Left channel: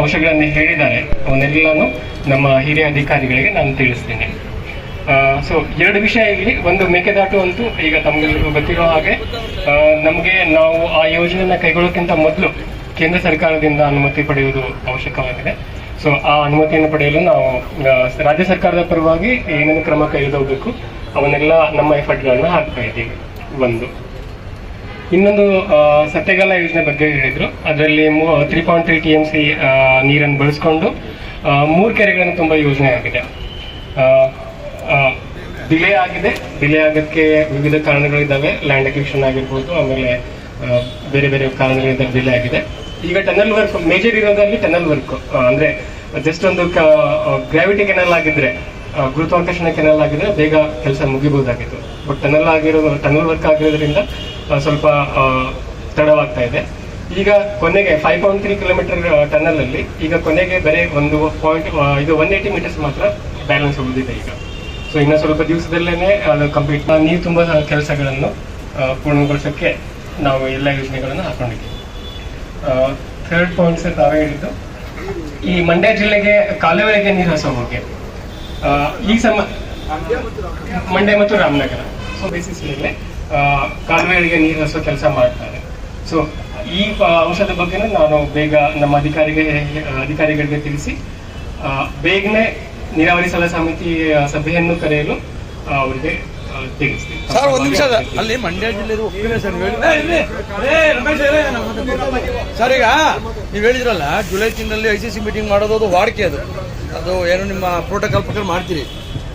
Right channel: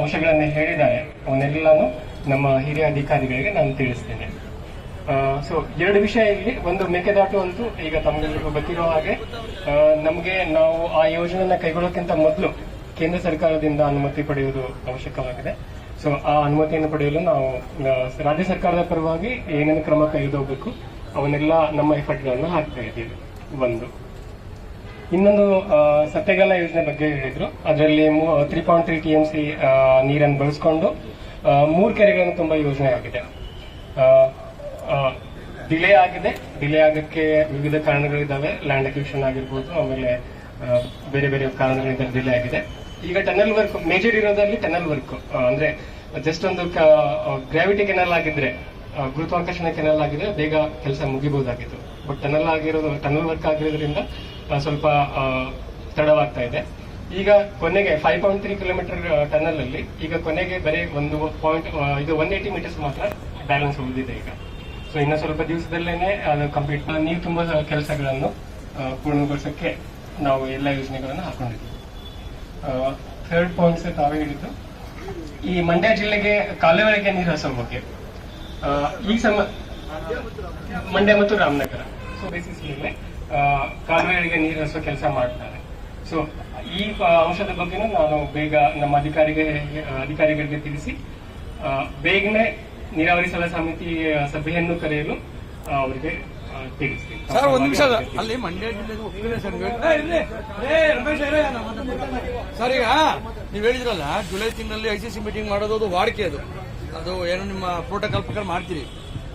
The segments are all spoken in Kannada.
ಅಂಶಗಳನ್ನು ಹೇಳಿದ್ದಾರೆ ಅವನ್ನೆಲ್ಲಾನು ನಮ್ಮ ಹಿರಿಯ ಅಧಿಕಾರಿಗಳಿಗೆ ನಾನು ತಿಳಿಸ್ತೇನೆ. ಸೊ 2 ವಿಷಯ ಇಲ್ಲಿ. ಒಂದು ಮೇಕೆದಾಟು ಅಂತೂ ಈಗ ತಮಗೆಲ್ಲರಿಗೂ ಗೊತ್ತಿರೋ ಹಾಗೆ ನಮಗೆ ನಾವು ಆ ಯೋಜನೆಯನ್ನ ಕೈಗೊಳ್ಳೋಕ್ಕಿಂತ ಮೊದಲು ಕೇಂದ್ರ ಸರ್ಕಾರದಿಂದ ಅನುಮತಿ ಪಡೆಯುವುದು ಅವಶ್ಯಕವಾಗಿದೆ. ಸೊ ಆ ಅನುಮತಿಯನ್ನು ಪಡೆಯಲು ನಾವು ರಾಜ್ಯ ಸರ್ಕಾರದ ಪರವಾಗಿ ಏನೇನು ಕ್ರಮ ಕೈಗೊಳ್ಳಬೇಕು ಅವನ್ನೆಲ್ಲ ನಮ್ಮ ಎಫರ್ಟ್ಗಳನ್ನ ಹಾಕ್ತಾ ಇದ್ದೀವಿ. ಒಂದು ಇನ್ನೊಂದು ಸತ್ಯಗಾಲ ಯೋಜನೆ ಬಗ್ಗೆ ಹೇಳಿದ್ರು. ಅದರಲ್ಲಿ 3.3 TMC ನೀರನ್ನು ಬಳಸ್ಕೊಂಡು 3 ಕೆರೆಗಳನ್ನು ತುಂಬ ಯೋಜನೆ ಆಗಿದೆ. ಡಿಲೇ ಆಗೋಕ್ಕೆ ವಿವಿಧ ಕಾರಣಗಳಿದ್ದಾವೆ. ಲ್ಯಾಂಡ್ ಅಕ್ವಿಷನ್ ಆಗಿರ್ಬೋದು, ಆಮೇಲೆ ಬೇರೆ ಬೇರೆ ಕಾರಣಗಳಿಂದ ಡಿಲೇ ಆಗಿದೆ. ಈಗ ಟನಲ್ ವರ್ಕ್ ಮೇಜರ್ ಇರೋದ್ರಲ್ಲಿ ಟನಲ್ ವರ್ಕ್ ಅಂದ್ರೆ ಜಸ್ಟ್ ಒಂದು ಗ್ರಾವಿಟಿ ಕೆನಲ್ ಆಗಿದ್ರೆ, ಗುರುತ್ವಾಕರ್ಷಣ ಕೆನಲ್ ಆಗಿದ್ರೆ ಬೇಗ ಕೆಲಸ ಮುಗಿಬಹುದಾಗಿತ್ತು. ಬಟ್ ಟನಲ್ ವರ್ಕ್ ಆಗಿರೋದ್ರಿಂದ ಸ್ವಲ್ಪ ತಡವಾಗ್ತಾ ಇದೆ. ಈಗ ಕೊನೆಗೆ 5.3 ಕಿಲೋಮೀಟರ್ ಟನಲ್ ಅಲ್ಲಿ ಈಗ ಕೊನೆಗೆ ಬರೀ ಒಂದು 180 ಮೀಟರ್ಸ್ ಮಾತ್ರ ಬ್ಯಾಲೆನ್ಸ್ ಉಳಿದಿದೆ ಈಗ. ಸೊ ಇನ್ನು ಸ್ವಲ್ಪ ದಿವಸದಲ್ಲೇ ಅದು ಕಂಪ್ಲೀಟ್ ನೀರು ತುಂಬ ಕೆಲಸಗಳನ್ನು ಪೂರ್ಣಗೊಳಿಸೋಕ್ಕೆ ನಾವು ಎಲ್ಲ ಯೋಜನೆಗಳನ್ನು ಹಾಕೊಂಡಿದ್ದೀವಿ. 3rd ಪಾಯಿಂಟ್ಸ್ ತಾವೇ ಹೇಳಿದ್ದು, ಈ ಮಂಡ್ಯ ಜಿಲ್ಲೆಗೆ ಕಾಲುವೆಗೆ ನೀರು ಹಸೋ ಬಗ್ಗೆ ಈ ಮಂಡ್ಯ ಮತ್ತು ರಾಮನಗರ ಸೊ ಬೇಸಿಸ್ ಮೇಲೆ ಕಾಲುವೆಗಳಿಗೆ ನೀರು ಹಸೋ ಕೆಲಸ ಮಾಡ್ತಾರೆ. ಸೊ ಈ ಅಂಶದ ಬಗ್ಗೆ ನಾನು ಬೇಗ ನಮ್ಮ ಅಧಿಕಾರಿಗಳಿಗೆ ತಿಳಿಸಿ ಬೇಗನೆ ನೀರಾವರಿ ಸಲಹಾ ಸಮಿತಿ ಸಭೆಯನ್ನು ಕರೆಯಲು ಅವರಿಗೆ ತಿಳಿಸ್ತೀನಿ. ಅಲ್ಲಿ ಮಂಡ್ಯ ಜಿಲ್ಲೆದು ಒಪ್ಪಿಗೆ ಸರ್ ಈಗ ನೀವು ಹೇಳಿದ್ರಲ್ಲ ಜುಲೈ ತಿಂಗಳಲ್ಲಿ ICC ಮೀಟಿಂಗ್ ಮಾಡೋದು ಅದು ವಾಡಿಕೆ, ಅದು ಏನು ನಿಮ್ಮ ಪ್ರೋಟೋಕಾಲ್ ಪ್ರಕಾರ ಮಾಡ್ತೀರಿ.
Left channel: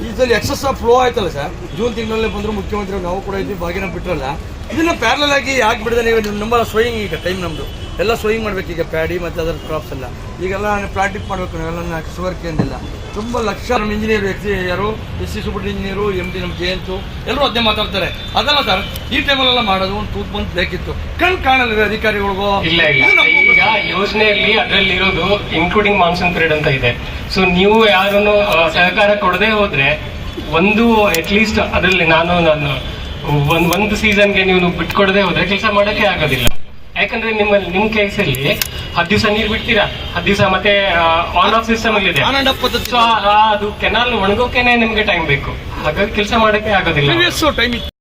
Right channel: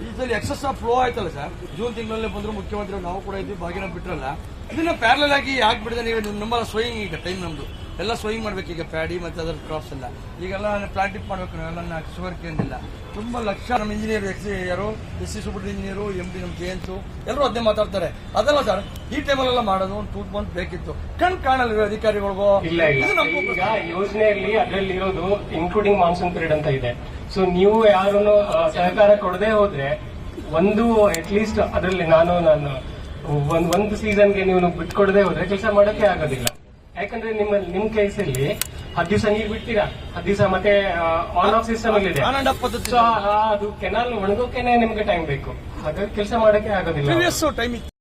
ಇದರಲ್ಲಿ ಎಕ್ಸಸ್ ಆಫ್ ಫ್ಲೋ ಆಯ್ತಲ್ಲ ಸರ್, ಜೂನ್ ತಿಂಗಳಲ್ಲಿ ಬಂದ್ರು ಮುಖ್ಯಮಂತ್ರಿ ನಾವು ಕೂಡ ಇದ್ವಿ, ಭಾಗಿನ ಬಿಟ್ರಲ್ಲ, ಇದನ್ನ ಪ್ಯಾರಲ್ ಆಗಿ ಯಾಕೆ ಬಿಡದೆ ನೀವು? ನಮ್ಮ ಸ್ವಯಿಂಗ್ ಈಗ ಟೈಮ್ ನಮ್ದು ಎಲ್ಲ ಸ್ವಯಿಂಗ್ ಮಾಡ್ಬೇಕು. ಈಗ ಪ್ಯಾಡಿ ಮತ್ತು ಅದರ ಕ್ರಾಪ್ಸ್ ಎಲ್ಲ ಈಗೆಲ್ಲ ಪ್ಲಾಂಟಿಂಗ್ ಮಾಡಬೇಕು. ನಾವೆಲ್ಲ ಶುಗರ್ ಕೇಂದಿಲ್ಲ ತುಂಬ ಲಕ್ಷ ನಮ್ಮ ಇಂಜಿನಿಯರ್ ಯಾರು SC ಸೂಪರ್ ಇಂಜಿನಿಯರು MD ನಮ್ಮ JNS ಎಲ್ಲರೂ ಅದೇ ಮಾತಾಡ್ತಾರೆ. ಅದಲ್ಲ ಸರ್, ಈ ಟೈಮಲ್ಲೆಲ್ಲ ಮಾಡೋದು ಒಂದು 2 ಮಂತ್ ಬೇಕಿತ್ತು. ಕಾಣಲ್ಲ ಅಧಿಕಾರಿಗಳಿಗೂ. ಇಲ್ಲ ಈಗ ಯೋಜನೆಯಲ್ಲಿ ಅದರಲ್ಲಿರೋದು ಇನ್ಕ್ಲೂಡಿಂಗ್ ಮಾನ್ಸೂನ್ ಪೀರಿಯಡ್ ಅಂತ ಇದೆ. ಸೊ ನೀವು ಯಾರನ್ನು ಸಹಕಾರ ಕೊಡದೆ ಹೋದ್ರೆ ಒಂದು ಅಟ್ಲೀಸ್ಟ್ ಅದರಲ್ಲಿ ನಾನು ಒಂದು ಸೀಸನ್ಗೆ ನೀವು ಬಿಟ್ಕೊಡದೆ ಹೋದ್ರೆ ಕೆಲಸ ಮಾಡೋಕ್ಕೆ ಆಗೋದಿಲ್ಲ. ಯಾಕಂದ್ರೆ ನಿಮ್ ಕೇಸಲ್ಲಿ 10 ದಿವಸ ನೀರು ಬಿಡ್ತೀರಾ, 10 ದಿವಸ ಮತ್ತೆ ಆನ್ ಆಫ್ ಸಿಸ್ಟಮ್ ಇದೆ. ಸೊ ಅದು ಕೆನಾಲ್ ಒಣಗೋಕೆನೆ ನಿಮ್ಗೆ ಟೈಮ್ ಬೇಕು, ಹಾಗಾಗಿ ಕೆಲಸ ಮಾಡೋಕ್ಕೆ ಆಗೋದಿಲ್ಲ.